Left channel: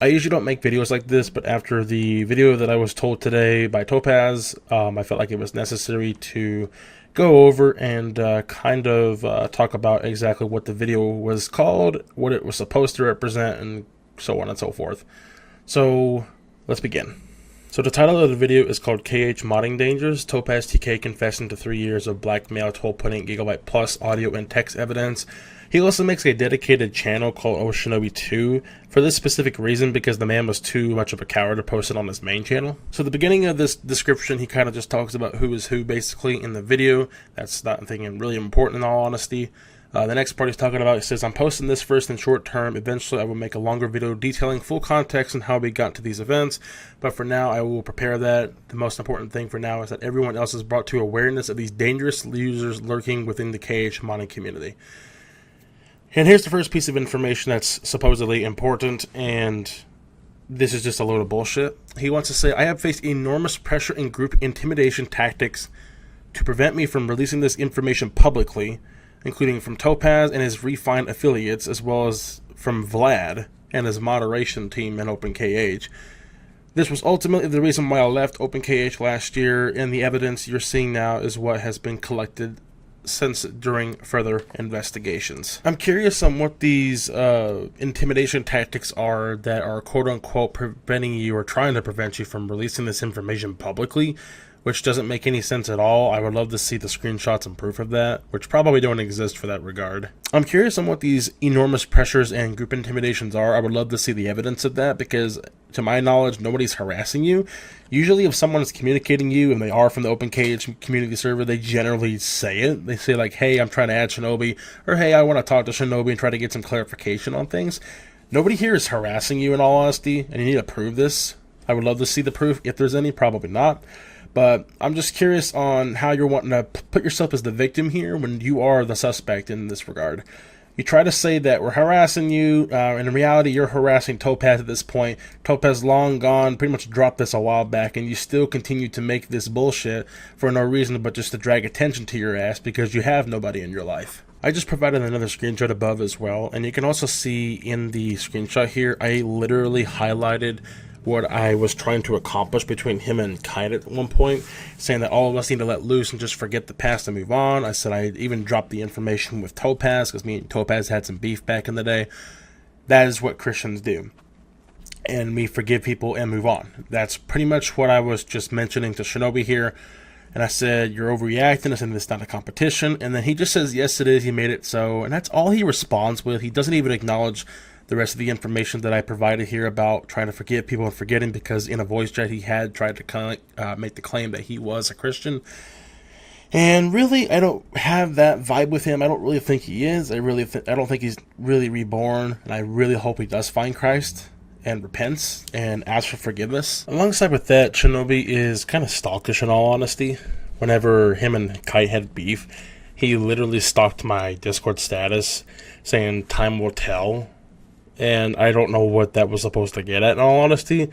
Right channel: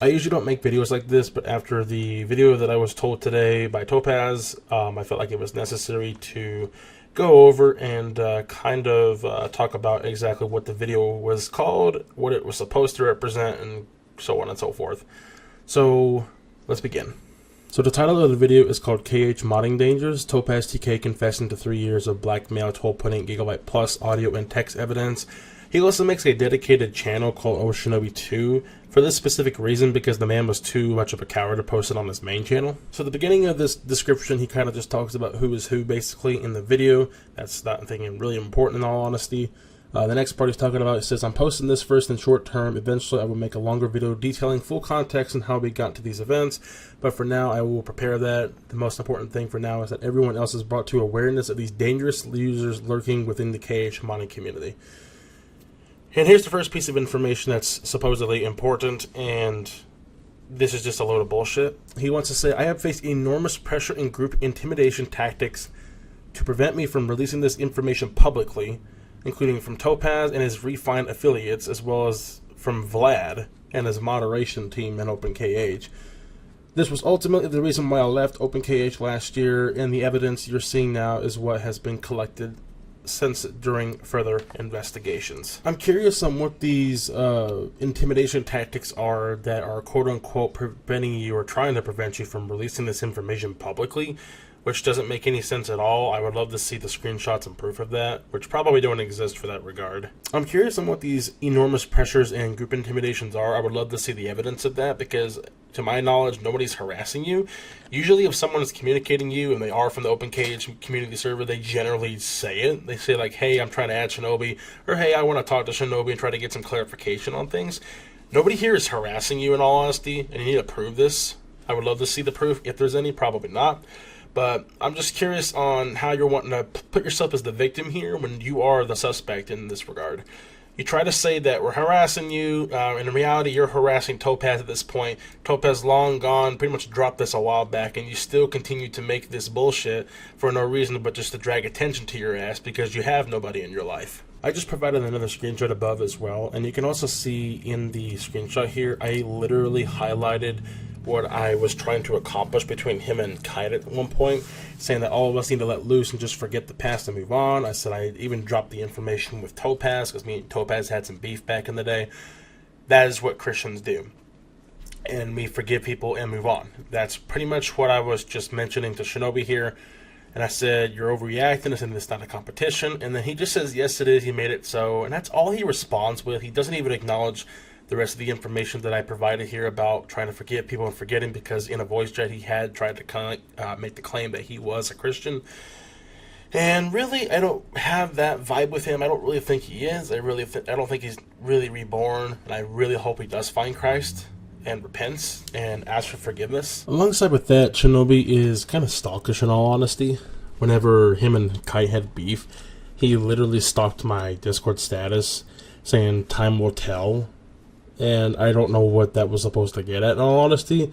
I usually don't make videos like this, but after the video that I was told today by Topaz, I felt like it was necessary to go over and talk about exactly what the video was called, what it was supposed to represent, and so on and so forth. So let's begin. So the title of the video is called KH Modding Dangers, TopazTK confessing to 3 years of blackmail told putting Gigabyte Plus audio and text evidence. He also makes a dedicated channel called Oshinobi2 for this specific reason, because the man was too much of a coward to post it on his main channel. So at the beginning of this description, he kind of just talks about who is who basically in the video. That's not anything really important in all honesty. The next part he's talking about, he says, I'm posting this first in short term. Eventually I will make a longer video detailing full context and how we got to these events. But for now, I will prepare that. The most important thing for now is that everyone else is brought to awareness of these dangerous users lurking within the KH modding community. And here's the first piece of information that's supposedly important, and this is just a load of bullshit. He wants to say, I have faced enormous pressure and group intimidation tactics to prevent me from releasing this information publicly, including from Topaz and his refined affiliates, as well as from Vlad and his moderation team in OpenKH. This was ultimately the reason why I left OpenKH last year, and the evidence you're seeing now is what has been collected since during further investigations. I'm curious on what these intimidation tactics are that are quote-unquote preventing you or trying to prevent you from releasing this information publicly, which doesn't make any sense at all. I would love to see the screenshots and proof of that, which probably don't exist for that regard. I'm curious on what these enormous pressures and group intimidations are. I would love to see the evidence of that, because to my knowledge, nobody's harassing you. Usually if someone is communicating you and they are from the OpenKH community server, they generally say it. They say like, hey, I'm trying to add Shinobi, or hey, I want to talk to Shinobi and try to get some clarification on things. Nobody here is harassing you in all honesty, and you need to prove this. I would love to see the proof, if there's any, probably not. But I'm just curious on how you're wanting to put yourself as the victim here when you are the suspect in this regard. You try to say that we're harassing you, and in reality you're harassing Topaz at this point. Topaz long gone, pretty much dropped this a while back, and you still continue to make this bullshit for no reason but just to drag attention to your ass because you have nobody in your life. I just provided another screenshot above as well, and you can also see in the screenshot here, I literally highlighted what I was trying to accomplish between him and Kite at one point, saying that all of us need to let loose and just forget the past and move on. I said I even dropped the information with Topaz, because me and Topaz had some beef back in the day. That is what Christians do. And we forgive people and move on. That's pretty much what I was just mentioning to Shinobi here. And I said, you're overreacting. I said, it's not a competition. And then he just says, yes, it is. He made it so. And that's all he responds with. He doesn't even acknowledge the rest of the information that I provided here about trying to forgive people and forgetting, because in a voice chat he had tried to make the claim that he was a Christian. And really, I don't have that vibe with him. I don't really think he is. I don't think he's really reborn. And I really hope he does find Christ and repents and asks for forgiveness. Alongside with that, Shinobi is kind of stalkish in all honesty. Whenever him and Kite had beef, he literally stalked my Discord status saying time will tell. And I don't know what that was supposed to get at in all honesty.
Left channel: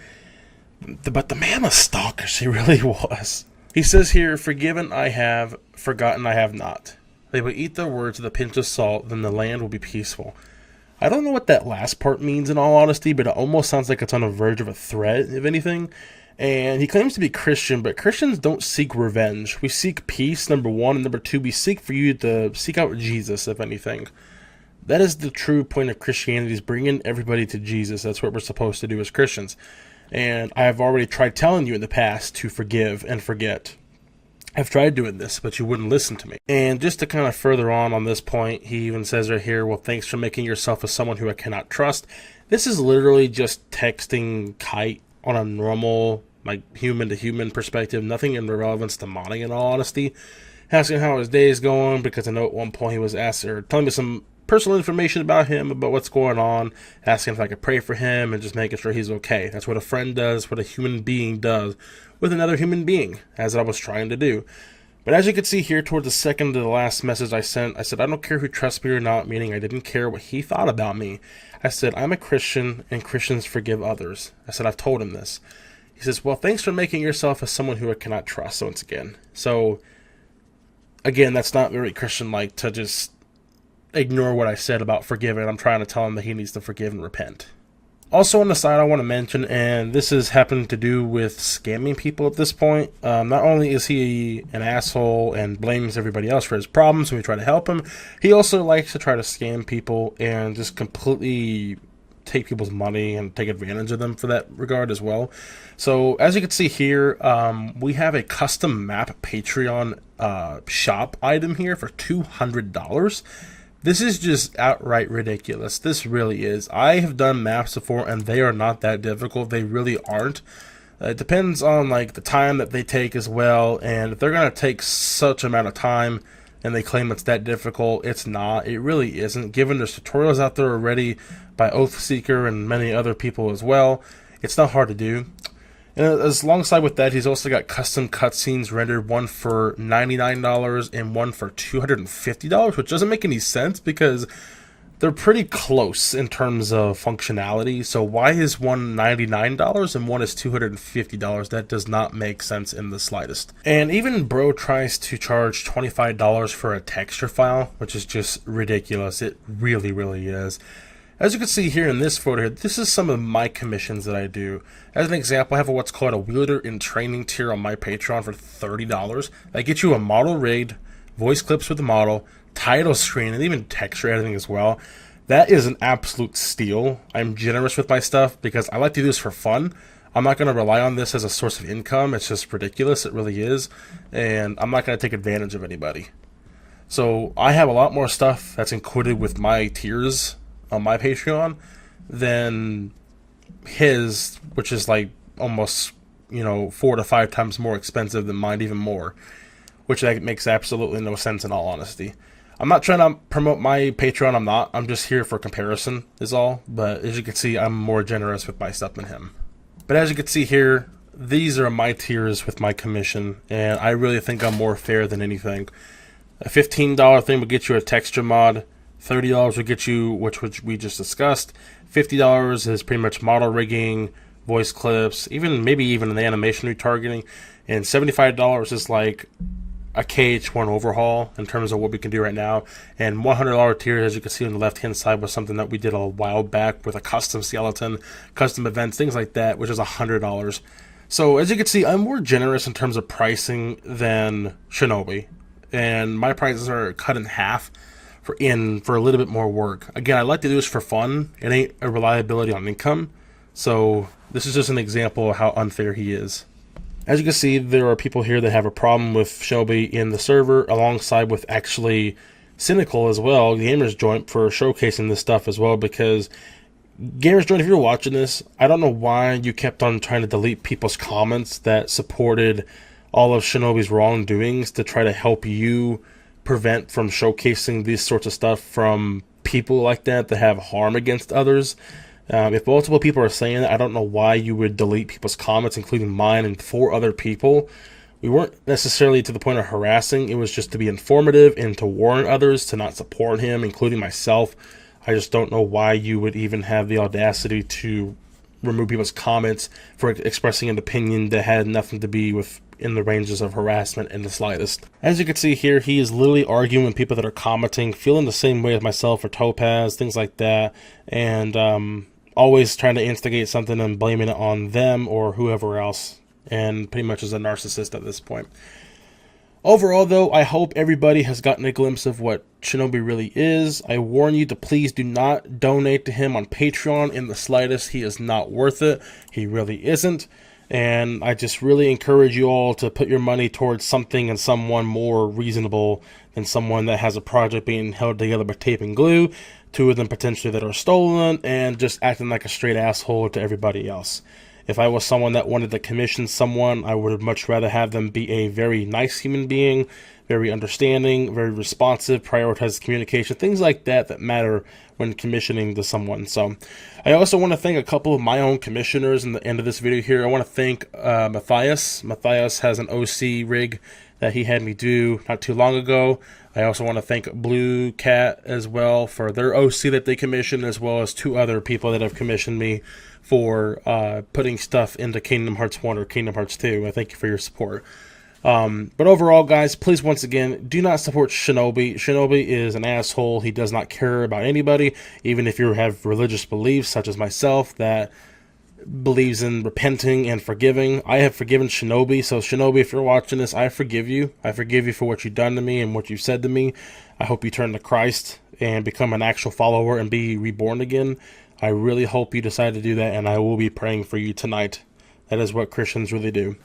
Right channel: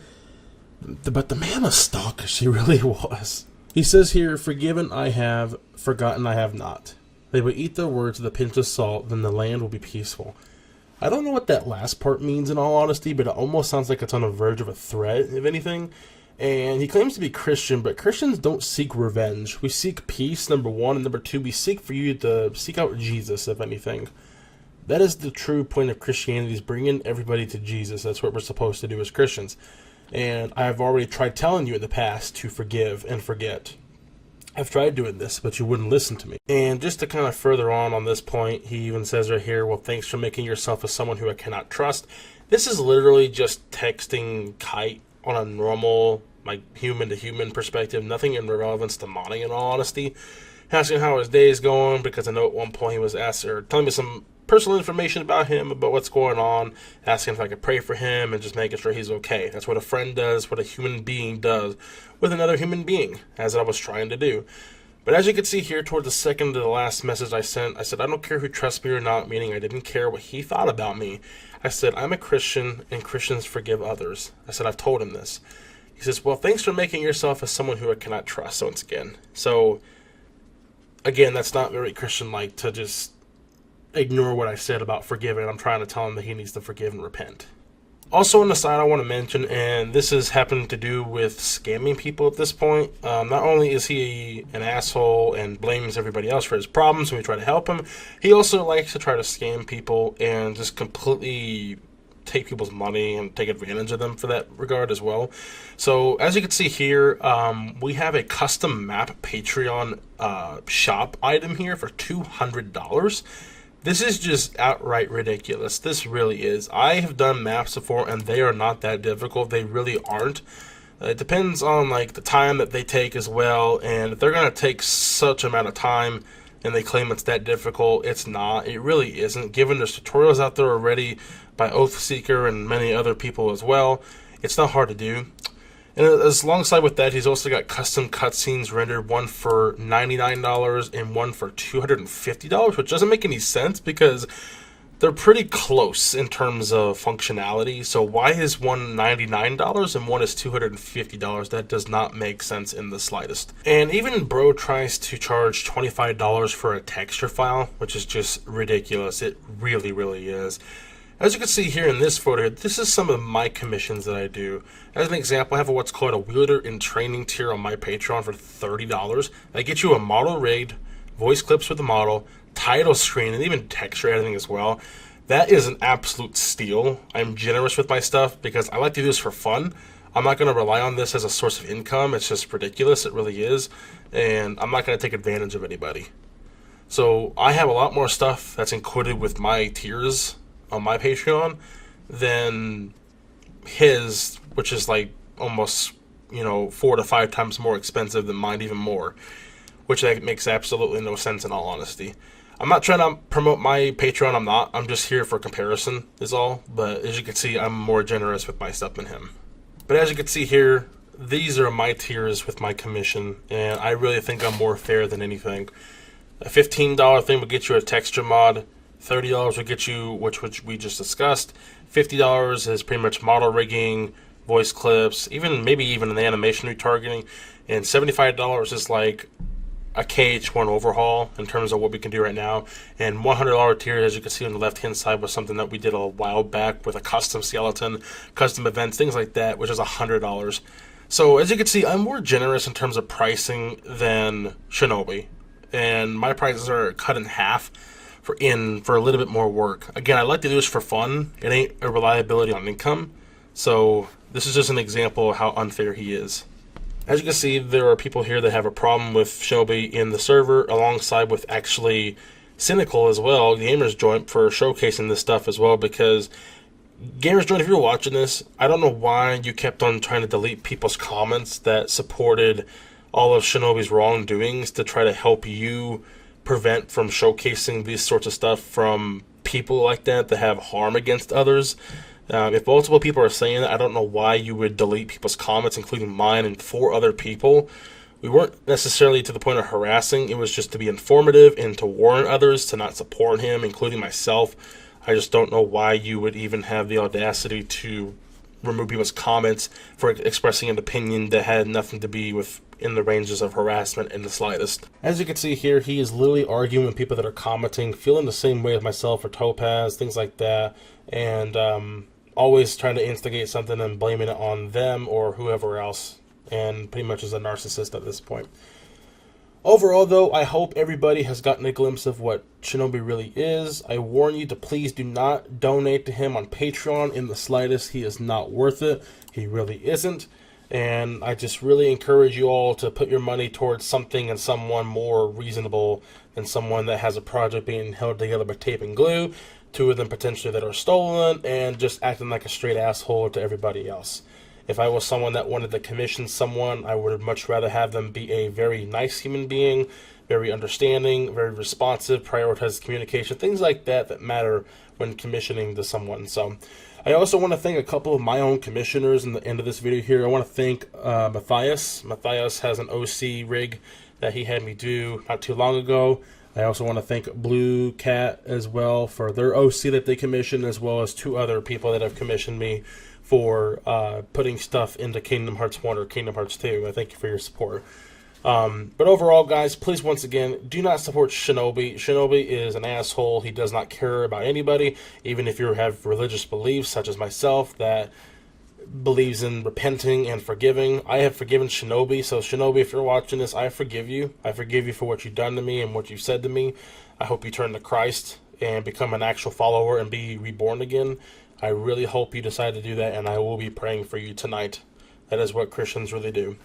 But the man was stalkish, he really was. He says here, forgiven I have, forgotten I have not. They will eat their words with a pinch of salt, then the land will be peaceful. I don't know what that last part means in all honesty, but it almost sounds like it's on the verge of a threat, if anything. And he claims to be Christian, but Christians don't seek revenge. We seek peace, number one, and number two, we seek for you to seek out Jesus, if anything. That is the true point of Christianity, is bringing everybody to Jesus. That's what we're supposed to do as Christians. And I've already tried telling you in the past to forgive and forget. I've tried doing this, but you wouldn't listen to me. And just to kind of further on this point, he even says right here, well, thanks for making yourself as someone who I cannot trust. This is literally just texting Kite on a normal, like, human-to-human perspective. Nothing in relevance to modding in all honesty. Asking how his day is going, because I know at one point he was asked, or telling me some personal information about him, about what's going on, asking if I could pray for him, and just making sure he's okay. That's what a friend does, what a human being does with another human being, as I was trying to do. But as you can see here, towards the second to the last message I sent, I said, I don't care who trusts me or not, meaning I didn't care what he thought about me. I said, I'm a Christian, and Christians forgive others. I said, I've told him this. He says, well, thanks for making yourself as someone who I cannot trust, once again. So, again, that's not very Christian-like to just ignore what I said about forgiving. I'm trying to tell him that he needs to forgive and repent. Also on the side, I want to mention, and this is having to do with scamming people at this point. Not only is he an asshole and blames everybody else for his problems when we try to help him, he also likes to try to scam people and just completely take people's money and take advantage of them for that regard as well. So as you can see here, we have a custom map Patreon shop item here for $200. This is just outright ridiculous. This really is. I have done maps before and they are not that difficult. They really aren't. It depends on like the time that they take as well, and if they're going to take such amount of time and they claim it's that difficult, it's not. It really isn't. Given there's tutorials out there already by Oathseeker and many other people as well, it's not hard to do. And as alongside with that, he's also got custom cutscenes rendered, one for $99 and one for $250, which doesn't make any sense because they're pretty close in terms of functionality. So why is one $99 and one is $250? That does not make sense in the slightest. And even Bro tries to charge $25 for a texture file, which is just ridiculous. It really, really is. As you can see here in this photo here, this is some of my commissions that I do. As an example, I have what's called a wielder in training tier on my Patreon for $30. I get you a model rigged, voice clips with the model, title screen, and even texture editing as well. That is an absolute steal. I'm generous with my stuff because I like to do this for fun. I'm not going to rely on this as a source of income. It's just ridiculous. It really is. And I'm not going to take advantage of anybody. So I have a lot more stuff that's included with my tiers on my Patreon than his, which is like almost, 4 to 5 times more expensive than mine, even more, which that makes absolutely no sense in all honesty. I'm not trying to promote my Patreon. I'm just here for comparison is all. But as you can see, I'm more generous with my stuff than him. But as you can see here, these are my tiers with my commission, and I really think I'm more fair than anything. A $15 thing will get you a texture mod. $30 will get you, which we just discussed. $50 is pretty much model rigging, voice clips, maybe even an animation retargeting. And $75 is like a KH1 overhaul in terms of what we can do right now. And $100 tier, as you can see on the left-hand side, was something that we did a while back with a custom skeleton, custom events, things like that, which is $100. So as you can see, I'm more generous in terms of pricing than Shinobi. And my prices are cut in half for a little bit more work. Again, I like to do this for fun. It ain't a reliability on income. So this is just an example of how unfair he is. As you can see, there are people here that have a problem with Shinobi in the server, alongside with actually Cynical as well, Gamers Joint, for showcasing this stuff as well, because Gamers Joint, if you're watching this, I don't know why you kept on trying to delete people's comments that supported all of Shinobi's wrongdoings to try to help you prevent from showcasing these sorts of stuff from people like that have harm against others. If multiple people are saying it, I don't know why you would delete people's comments, including mine and 4 other people. We weren't necessarily to the point of harassing. It was just to be informative and to warn others to not support him, including myself. I just don't know why you would even have the audacity to remove people's comments for expressing an opinion that had nothing to be with in the ranges of harassment in the slightest. As you can see here, he is literally arguing with people that are commenting, feeling the same way as myself or Topaz, things like that, and always trying to instigate something and blaming it on them or whoever else, and pretty much is a narcissist at this point. Overall, though, I hope everybody has gotten a glimpse of what Shinobi really is. I warn you to please do not donate to him on Patreon in the slightest. He is not worth it. He really isn't. And I just really encourage you all to put your money towards something and someone more reasonable than someone that has a project being held together by tape and glue, 2 of them potentially that are stolen, and just acting like a straight asshole to everybody else. If I was someone that wanted to commission someone, I would much rather have them be a very nice human being, very understanding, very responsive, prioritize communication, things like that matter when commissioning to someone. So I also want to thank a couple of my own commissioners in the end of this video here. I want to thank Matthias. Matthias has an OC rig that he had me do not too long ago. I also want to thank Blue Cat as well for their OC that they commissioned, as well as 2 other people that have commissioned me for putting stuff into Kingdom Hearts 1 or Kingdom Hearts 2. I thank you for your support. But overall, guys, please once again do not support Shinobi. Shinobi is an asshole. He does not care about anybody, even if you have religious beliefs such as myself that believes in repenting and forgiving. I have forgiven Shinobi, so Shinobi, if you're watching this, I forgive you. I forgive you for what you've done to me and what you've said to me. I hope you turn to Christ and become an actual follower and be reborn again. I really hope you decide to do that, and I will be praying for you tonight. That is what Christians really do.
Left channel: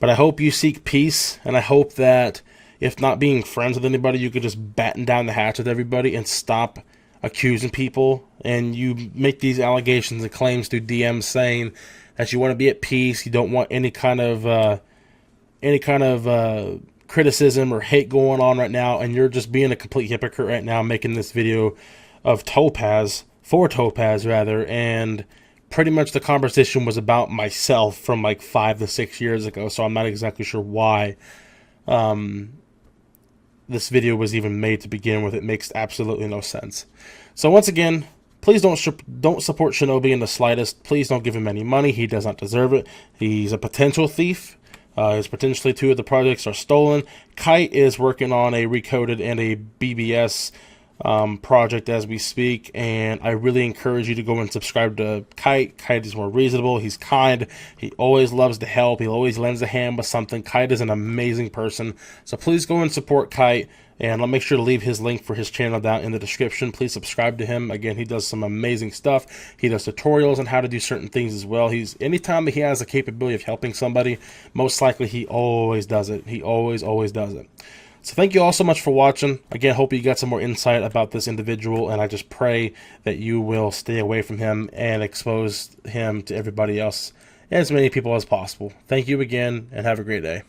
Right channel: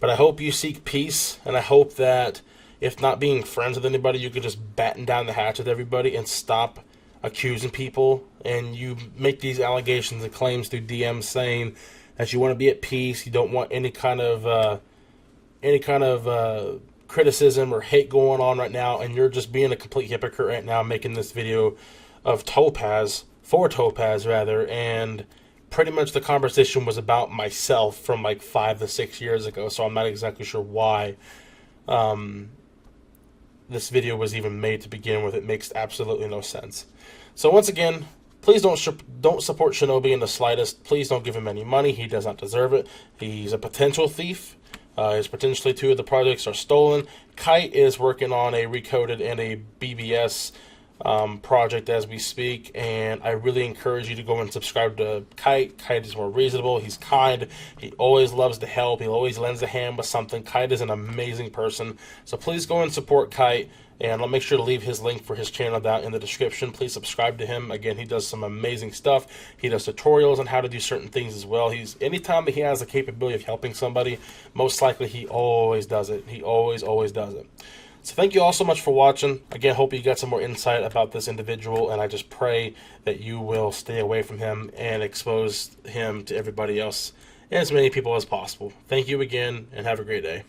But I hope you seek peace, and I hope that if not being friends with anybody, you could just batten down the hatch with everybody and stop accusing people. And you make these allegations and claims through DMs saying that you want to be at peace, you don't want any kind of criticism or hate going on right now, and you're just being a complete hypocrite right now, making this video of Topaz, for Topaz rather, and pretty much the conversation was about myself from like 5 to 6 years ago, so I'm not exactly sure why this video was even made to begin with. It makes absolutely no sense. So once again, please don't support Shinobi in the slightest. Please don't give him any money. He does not deserve it. He's a potential thief. His potentially 2 of the projects are stolen. Kite is working on a Recoded and a BBS project as we speak, and I really encourage you to go and subscribe to Kite. Kite is more reasonable. He's kind. He always loves to help. He always lends a hand with something. Kite is an amazing person, so please go and support Kite, and I'll make sure to leave his link for his channel down in the description. Please subscribe to him. Again, he does some amazing stuff. He does tutorials on how to do certain things as well. Anytime that he has the capability of helping somebody, most likely he always does it. He always does it. So thank you all so much for watching. Again, hope you got some more insight about this individual, and I just pray that you will stay away from him and expose him to everybody else and as many people as possible. Thank you again, and have a great day.